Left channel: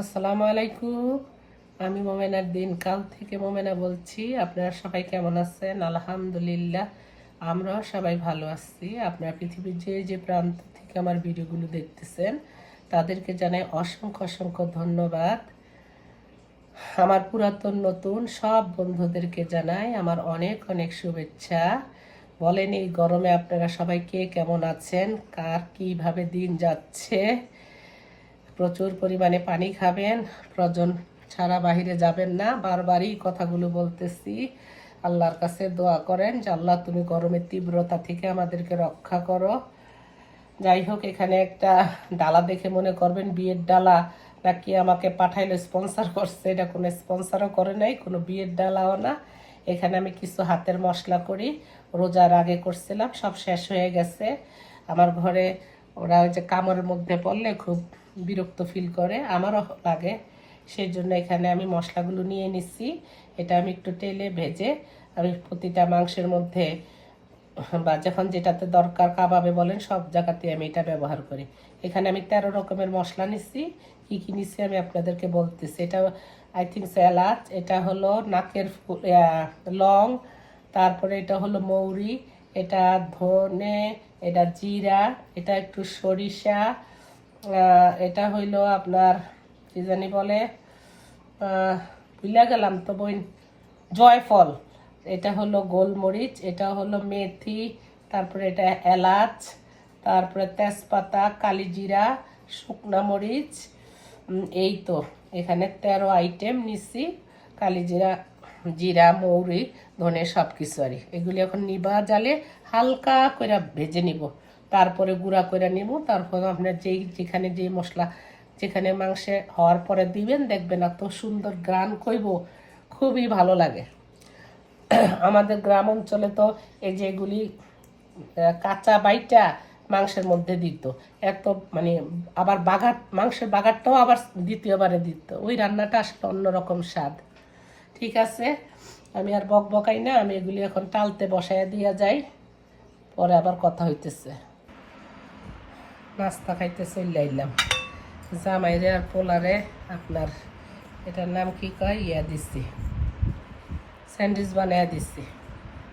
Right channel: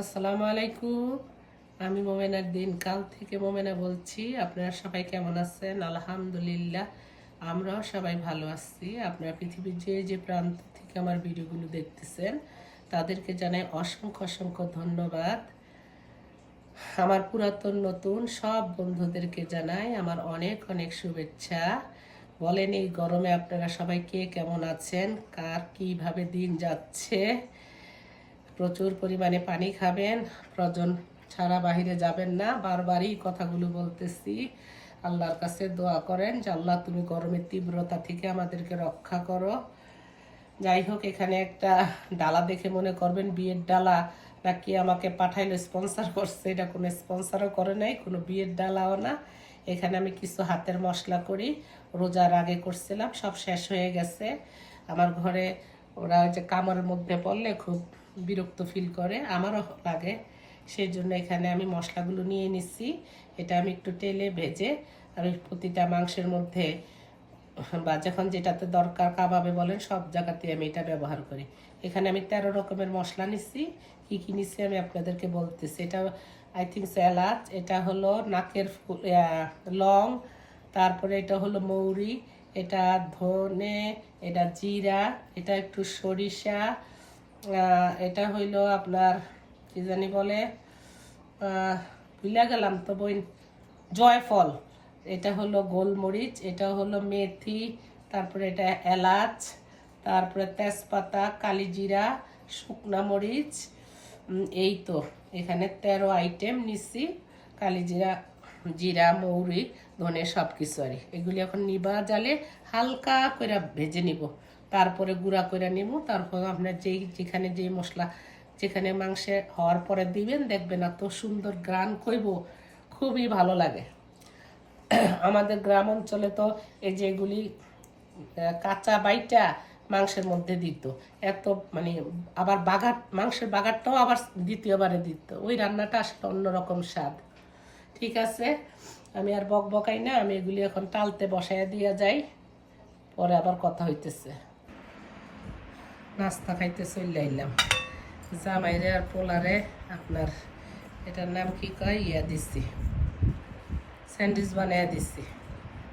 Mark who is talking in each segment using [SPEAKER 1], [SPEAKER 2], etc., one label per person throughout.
[SPEAKER 1] আসসালামু আলাইকুম। আমি মোমেনার দিন কাল থেকে মোমেনা বলছি, আপনারা সবাই কেমন আছেন? আলহামদুলিল্লাহ, আমরাও সবাই ভালো আছি। আপনারা পৃথিবীর যে যে প্রান্ত থেকে আমার ভিডিওগুলো দেখতেছেন, তাদেরকে জানাই অসংখ্য অসংখ্য ধন্যবাদ। আমার পুরাতন, নতুন সব বন্ধুদেরকে জানাই আমার অনেক অনেক শুভেচ্ছা। বলেন, এই গরমে আপনারা সবাই কে কেমন আছেন? কার কীভাবে দিন যাচ্ছে? প্রচুর পরিমাণে পানি খাবেন, প্রজন ছাড়া বাহিরে যাবেন না। বারবারই কথাগুলো বলতেছি। আল্লাহর কাছে দোয়া করেন যে, আল্লাহ তুমি গরমের তীব্রতা থেকে আমাদেরকে রক্ষা করো। যাই হোক, এখানে একটা ডালা দেখে মনে করবেন, বিয়ের ডালা নাকি আমাকে পাঠাইলে স্পন্সার করছে। এটা কোনো স্পন্সরও করে নাই, কোনো বিয়ের ডালাও না। এখানে আমি কিছু হাতের মশলা করি। রোজার আগে করছিলাম, সব শেষ হয়ে গেছে। আমার ঘরে ওরা ওই যে কামড়ের মধ্যে পড়লে খুব বিরক্ত ফিল করে, আমারও লাগে। সেই জন্য এখানে আমি মশলাগুলো নিয়ে নিচ্ছি। এটা আমি একটু তেলে ভেজে আমি প্রতিটা মাংসের মধ্যে, বা যখন যেটাতে দরকার কাবাবে বলেন, সব জায়গাতে আমি এটা ব্যবহার করি। এখানে আমি তেরো রকমের মশলা নিচ্ছি। কী কী নিচ্ছি আমি আপনাদেরকে বলতেছি। এটা আই থিঙ্ক এলাচ এটা হলো নাকের লং, তারপরে এটা হলো মৌরি, এটা ধনে, এটা জিরা, এটা একটু সরিষা এটা হইল আপনার, কি জানি বলে ভুলে গেলাম তো বই জয়ফল। এটা হলো গোলমরিচ, এটা হলো মেথি, তারপরে এটা এলাচ, তারপরে তেজপাতা, কালিজিরা, শুকনা মরিচ এই তো। এখানে তেরো আইটেম নিচ্ছি কালিজিরা, জিরা, মৌরি, ধনে সব কিছু আর এগুলি এখন নিবা জালে হালকা করে ভেজে নিব। তারপরে গুঁড়া করে নিব। তারপর আপনার যেই, যেখানে যেই মশলা, যেখানে মাংসে হওয়ার পরে দিবেন, দেখবেন এত সুন্দর গ্রান কইব, খুবই ভালো লাগে। আমাদের গ্রাম অঞ্চলে তো এই যেগুলি কাঁচা বাইটা মাংসের মধ্যে দিত। এত মানে আবার বাগার মাংসের বাগারটাও আবার দ্বিতীয়বারে দিত। ওই রান্নাটা আসলে অন্যরকম স্বাদ। ঠিক আছে? আমি আর বক বকাই না, আমি এগুলি এখন টালতে বসাইয়া দিয়া যাই। পরে আবার কথা হইতেছে। নাস্তা খাইতে চলে আইলাম। জামাইরে আর পোলারে আপনার এটার নাম কি কয়? ইয়া দিচ্ছি স্যান্ডউইচ বানাইয়া দিচ্ছি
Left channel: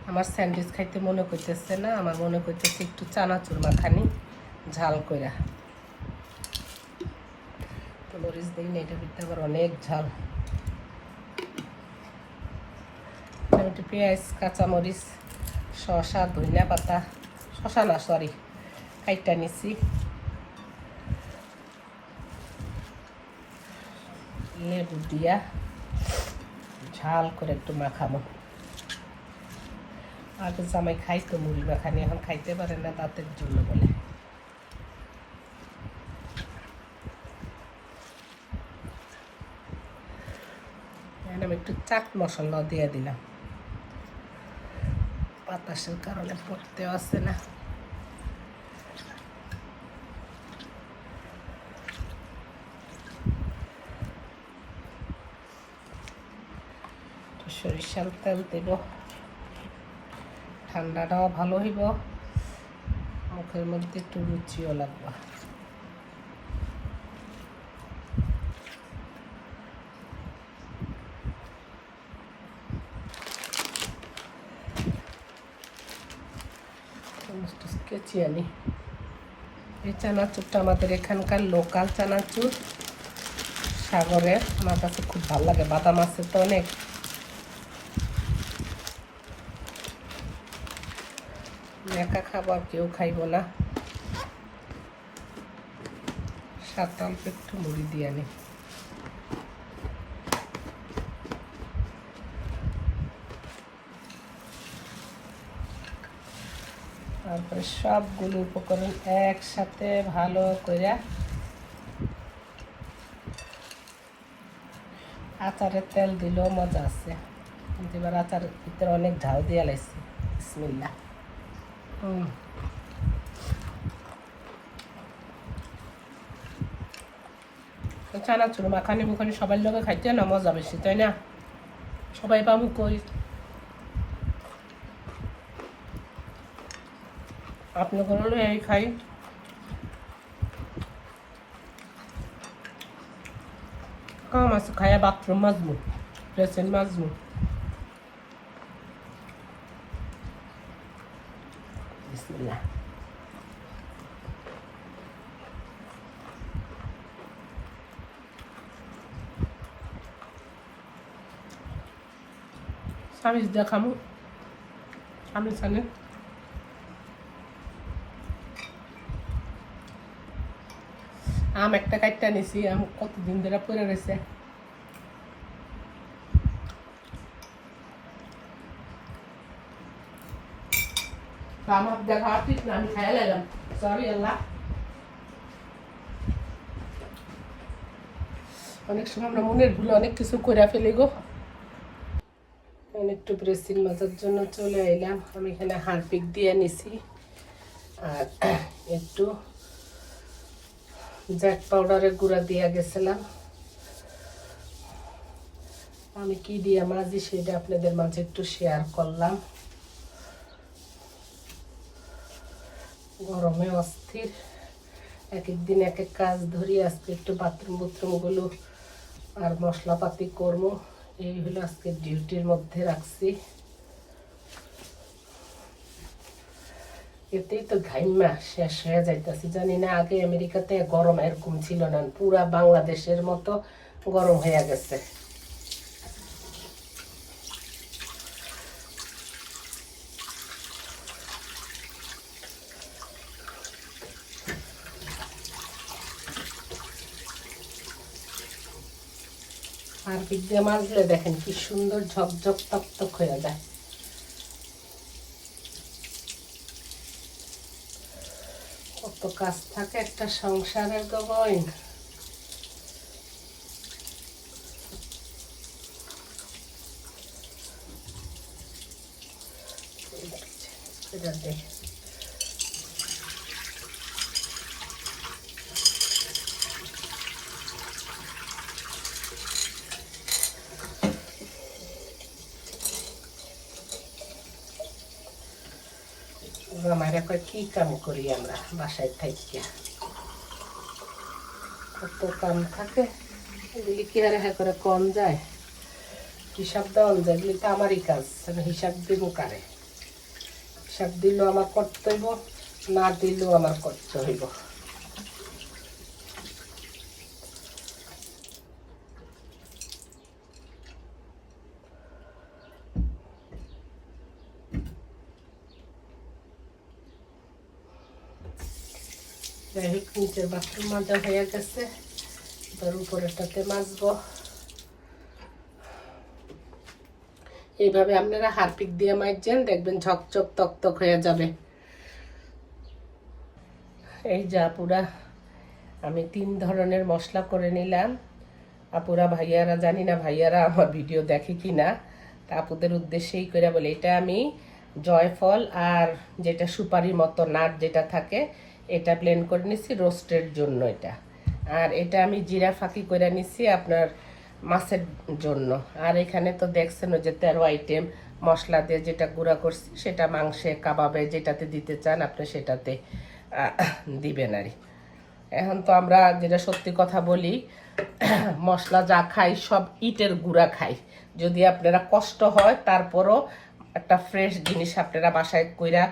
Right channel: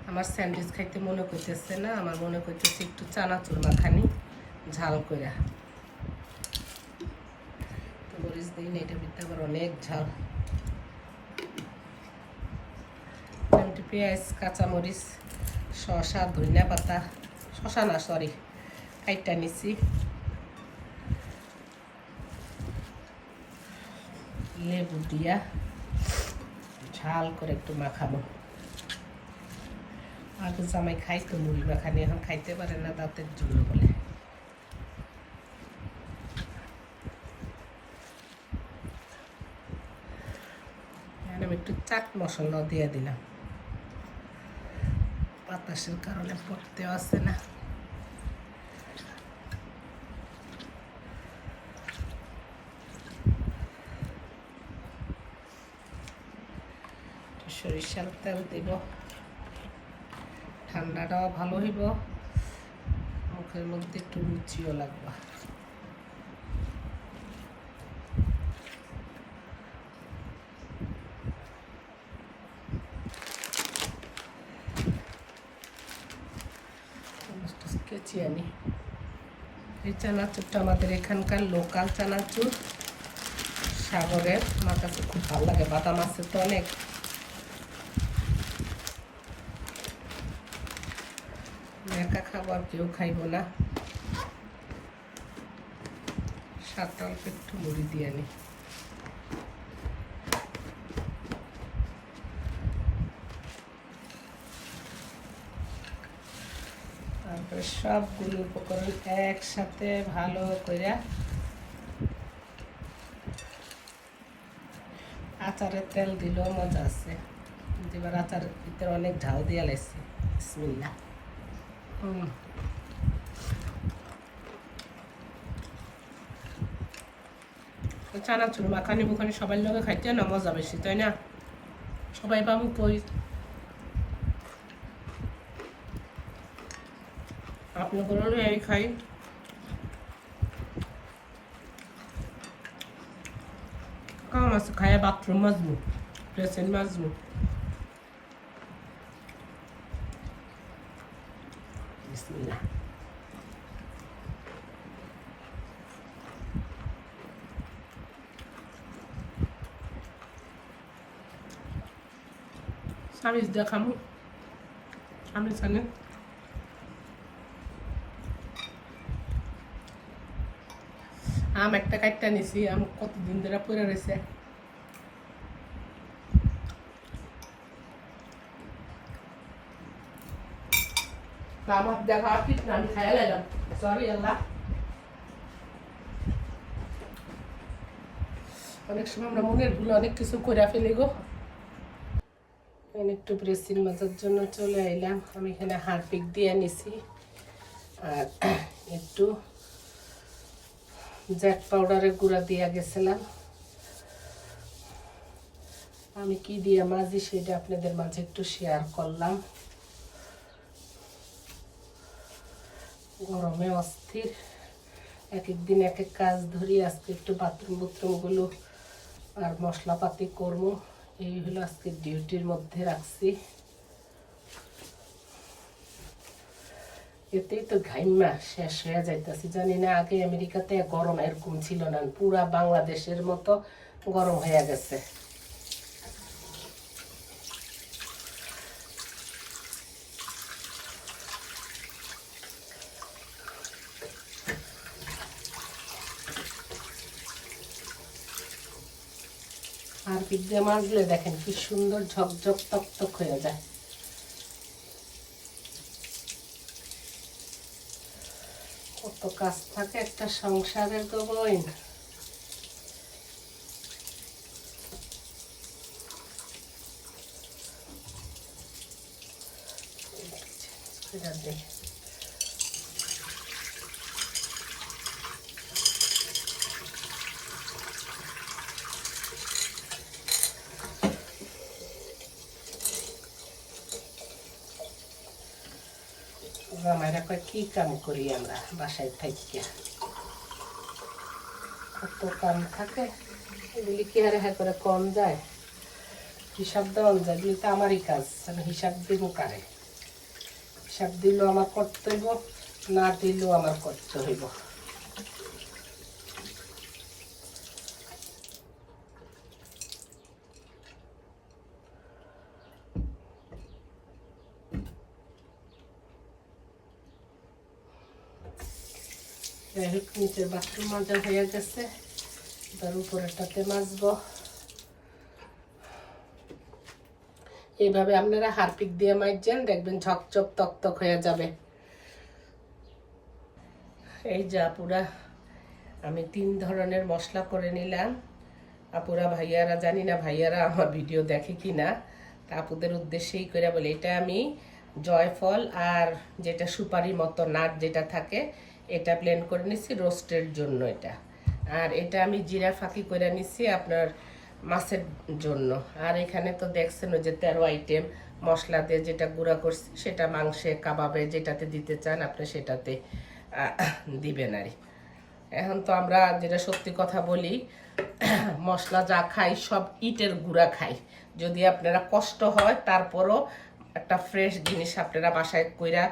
[SPEAKER 1] আমার স্যান্ডউইচ খাইতে মনে করতেছে না, আমার মনে করতেছে একটু চানাচুর মাখানি, ঝাল কইরা। তো মরিচ দিই না, এটা ভিতরে আবার অনেক ঝাল। একটু পেঁয়াজ, কাঁচামরিচ, শসা, ধনিয়া পাতা, শসা না সরি কাইটা নিছি। লেবু দিয়া ঝাল করে একটু মাখাবো। আগে জামাই খাইতো, মুড়ি মাখানি, এখন খাইতে পারে না, দাঁতের জন্য বলে। একটু চাট মশলা দিয়ে দিলাম। বাতাসের কারণে পড়তেও আসে না। সরিষার তেল দেব। ঠান্ডাটাও ভালো হইব। মুখের মধ্যে একটু রুচিও লাগবে। কেচি আনি। এই চানাচুরটা আমাদের এখানকার লোকাল চানাচুর। সাগরের আমার কাছে খুব ভালো লাগে। বাদাম আছে তো অনেক। একা খাবার কেউ খাইব না। অল্প একটু মুড়ি দিয়ে আনি। তারপরে সবগুলো উপকরণ একসাথে ভালো করে আচারের তেল দিলেও মজা আছে। এবার আচার ভিতরে অনেক ঝাল দিয়ে লাগছে বিসমিল্লা চানাচুর, মাখানি মুখানি সবাই লোকে খাইতে না? মজা বেশি, তাই না? সবাই পামু কই? আপনার এই খাই। কাম আছে, খায়া বাথরুম মাজমু প্রেসেন মাজমু বিসমিল্লাহ স্বামী দেখামু আমি জানেন আম একটা কাটটা নিছি আম কতদিন ধরে পড়ে রয়েছে তা আমার দেখা ঠিক না আমি খাই আল্লাহ অনেক সময় আমরা মনের ভুলে অনেক কিছু করে ফেলি গো একটু প্রেসিং মাজার জন্য চলে এলাম আমি এখানে হারপিক দিয়ে নিছি আর একটু জ্যাক পাউডারের গুঁড়া দিয়ে গেছিলাম আমি কি দিয়ে মাঝি সেটা আপনাদের মাঝে একটু শেয়ার করলাম গরমে অস্থির। এক এক দিন এক এক কাজ ধরি, আজকে একটু বাথরুম বুথরুমগুলো আর মশলাপাতি করব। এই হলো আজকে ডিউটির মধ্যে রাখছি। এতেই তো ঘাইমা শেষ হয়ে যাইতেছি। জানি না, আগে আমেরিকাতে গরম এরকম ছিল না। পুরা বাংলাদেশের মতো গরম হয়ে গেছে। আর বিদ্যা মাজলে দেখেন কি সুন্দর ঝকঝক তকতক হয়ে যায়। কত কাজ থাকে একটা সংসারের তো বইন। এটা দেখে কয় কি কাম করি আমরা বাসায় থাকি কত কাম থাকে এগুলি কি আর হ্যাঁ করে কম যায় হিসাব দেওয়ান যায় এগুলি তো আমারই কাজ আমি হিসাব দিব কারে হিসাব দিলেও আমার করতে হইব না দিলেও আমার করতে হইব যাই হোক নিচের হয়ে গেছে। তার উপরেরটাতে মাজবো। এইভাবে আপনারা হারপিক দিয়ে মাজছেন দেখবেন ঝকঝক তকতক হয়ে যাবে। এই যা পুরা আমি তিন ধরনের মশলা করে নিলাম। আপুরা ভাইয়ারা, জানি না ভাইয়ারা আমার ভিডিও দেখে কি না, তা আপুদের উদ্দেশ্যেই করে বলে, এটা আমি জয়ফল আর যেটা সুপারি মতো নাট যেটা থাকে এটা প্লেন করে নিছি রোস্টের জন্য এটা। আর এটা আমি জিরা ফাঁকি করে নিছি আপনার মাছের জন্য। আর এখানে তো দেখছেন যে তেরো আইটেম মশলা দিয়ে যেটা গুঁড়া করছি, সেটা মাংসে, কাবাবে যেটাতে দিতে চান, আপনি সেটাতে দিবেন আর এখন তো আমরা যেটা সত্যি কথা বলি, মশলা যা খাই, সব ইটের গুঁড়া খাই। যদি আপনারা কষ্ট হয়, তারপরও একটা ফ্রেশ জিনিস আপনারা বাসায় কইরা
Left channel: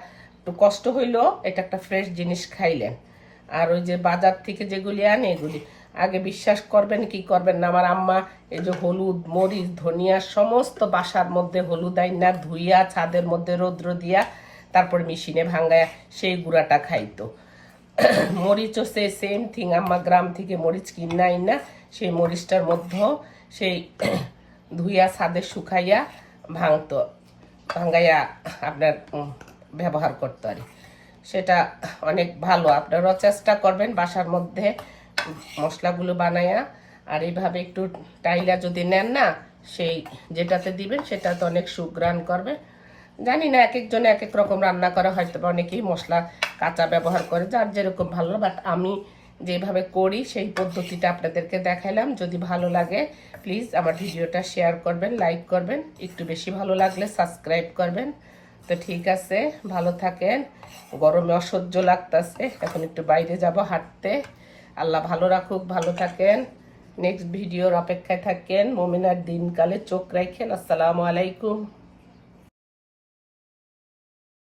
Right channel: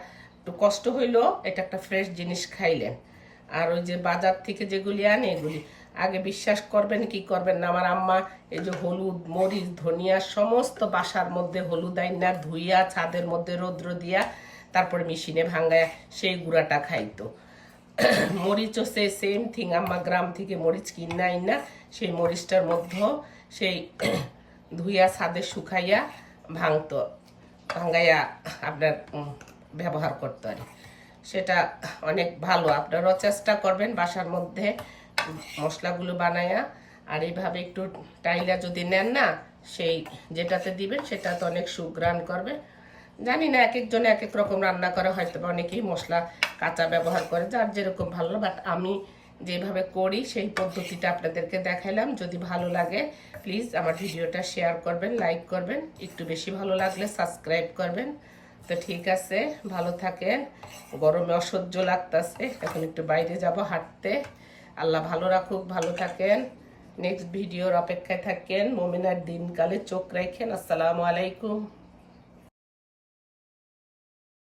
[SPEAKER 1] একটু কষ্ট হইলেও এটা একটা ফ্রেশ জিনিস খাইলেন। আর ওই যে বাজার থেকে যেগুলি আনে এগুলি, আগে বিশ্বাস করবেন কি করবেন না? আমার আম্মা এই যে হলুদ, মরিচ, ধনিয়া সমস্ত বাসার মধ্যে হলুদ আইনা ধুইয়া ছাদের মধ্যে রৌদ্র দিয়া তারপর মেশিনে ভাঙ্গায় সেই গুঁড়াটা খাইতো। মরিচও সে সেম থিং আম্মা গ্রাম থেকে মরিচ কিনা আইনা সেই মরিচটার মধ্যেও সেই ধুইয়া ছাদে শুকাইয়া ভাঙতো, ভাঙ্গাইয়া আপনার ব্যবহার করতে পারি। সেটা অনেক ভালো। আপনারাও চেষ্টা করবেন বাসার মধ্যে মশলাগুলো বানায়া। আর এইভাবে একটু টাইলা যদি নেন না, সেই যেটাতে দিবেন সেটাতে অনেক সুগ্রান করবে। জানি না এক একজনে এক এক রকম রান্না করা, হয়তো বা অনেকেই মশলা কাঁচা ব্যবহার করে, যার যেরকম ভালো, বাট আমি যেভাবে করি সেই পদ্ধতিটা আপনাদেরকে দেখাইলাম। যদি ভালো লাগে, প্লিজ আমার ভিডিওটা শেয়ার করবেন, লাইক করবেন। একটু বেশি ভালো লাগলে সাবস্ক্রাইব করবেন। তো ঠিক আছে, ভালো থাকেন। গরমে অসহ্য লাগতেছে, এখন একটু বাইরে যাব হাঁটতে। আল্লাহ ভালো রাখুক, ভালো থাকেন। নেক্সট ভিডিওর অপেক্ষায় থাকেন। মোমিনার দিনকালে চোখ রাখেন। আসসালামু আলাইকুম।